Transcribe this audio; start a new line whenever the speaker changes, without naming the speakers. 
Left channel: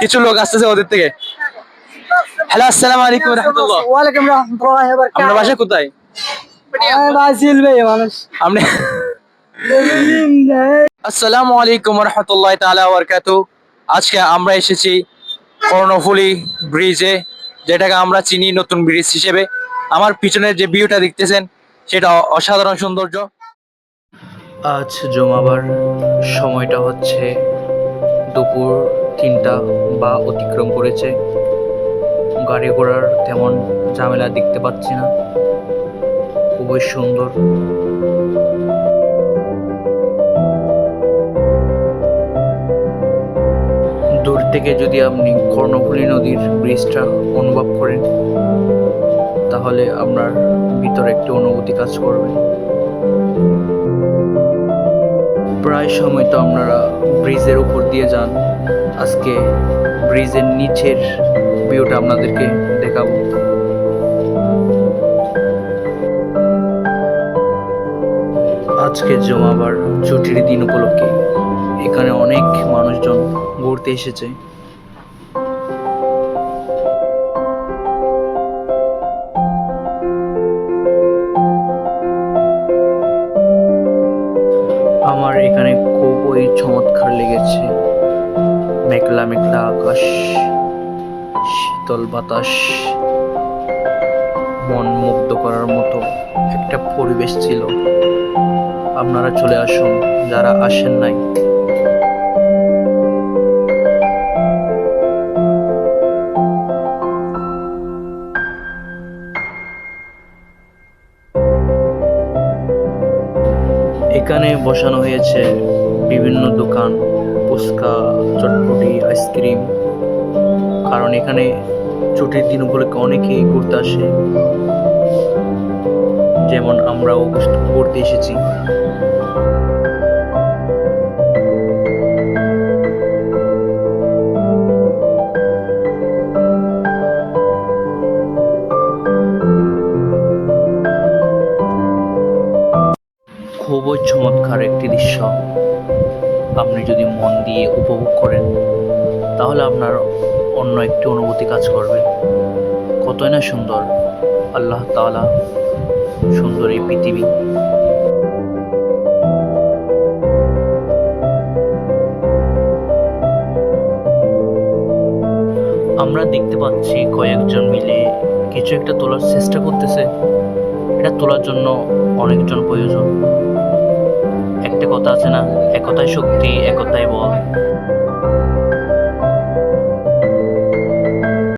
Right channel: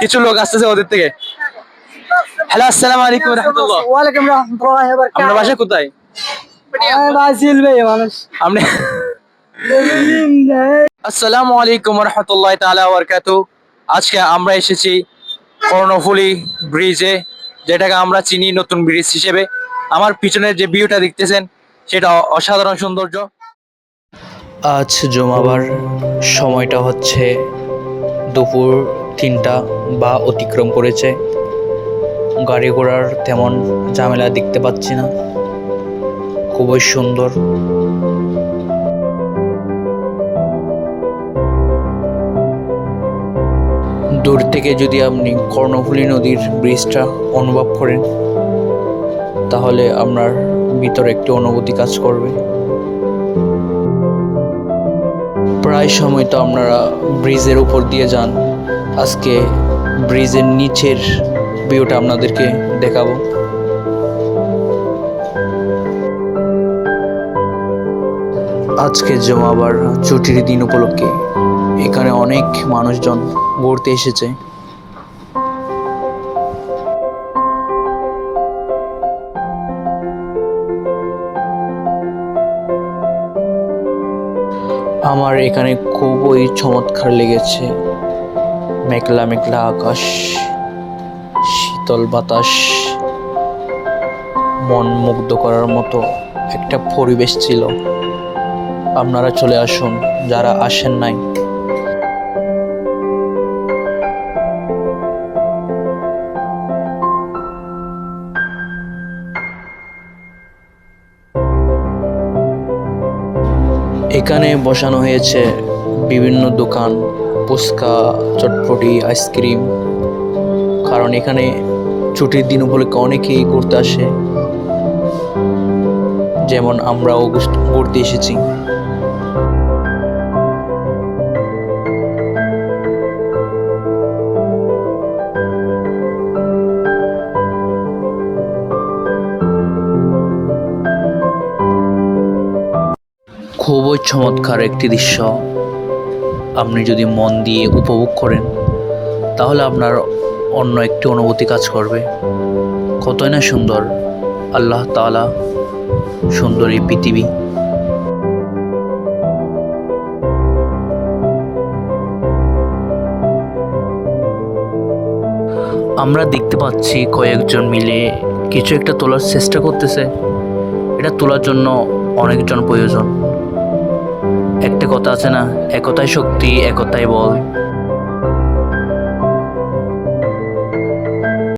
কিছু লোক আসতেছে ওদের থেকে। হ্যালো আসসালামু আলাইকুম রহমতুল্লাহ।
ওয়ালাইকুম রহমতুল্লাহি
আপনার বাসা কোথায়?
বাসিল ভাই মানুষ।
আপনি আসসালামু আলাইকুম রহমতুল্লাহ তাআলা ওয়া বারাকাতুহু। আজকে আমরা এসেছি কর্ণফুলী ব্রিজে যেটাকে আমরা চিনি নতুন ব্রিজ হিসেবে। আমার পিছনের যে ভিউটা দেখতেছেন সেটা অসাধারণ সৌন্দর্য। আজ জমাবার সময়টা হচ্ছে দুপুর তিনটা বা অতিক্রম করেছে। গাড়ি ঘোড়ার তেমন ঝামেলা দেখতে পাচ্ছি না। খুবই সুন্দর। দূর থেকে যদি আপনি কর্ণফুলী নদীর ব্রিজটা অনুভব করেন, তাহলে আপনার ভিতরে একটি অনুভূতি কাজ করবে। প্রায় সময় তো আপনারা ব্রিজের উপর দিয়ে যান। আজকে ব্রিজের নিচের ভিউটা আপনাদেরকে দেখাবো। আজকে জমাবার ছুটির দিন উপলক্ষে এখানে অনেক মানুষজন ঘুরতে এসেছে। আমার এখানে খুবই চমৎকার লেগেছে। মেঘলা মেঘলা আকাশ, শীতল বাতাস, মন মুগ্ধ করার মতো একটা পরিবেশ ছিল। আপনারা চলে আসুন, যারা আসেন নাই। এখানে বসানো হয়েছে বিভিন্ন দোকান। ফুচকা, চটপটি, আইসক্রিম। কারণ এখানে ছুটির দিন উপলক্ষে অনেকেই ঘুরতে আসে। যেমন আমরাও ঘুষ- ঘুরতে এসেছি। খুবই চমৎকার একটি দৃশ্য। আপনি যদি মন দিয়ে উপভোগ করেন, তাহলে আপনার অন্য একটি অনুভূতি কাজ করবে। কতই না সুন্দর। আল্লাহ তাআলা সুন্দর এই পৃথিবী। আমরা দেখতে পাচ্ছি কয়েকজন মিলে কিছু একটা তোলার চেষ্টা করতেছে। এটা তোলার জন্য অনেকজন প্রয়োজন। একটা কথা আছে না? একতাই শক্তি একতাই বল।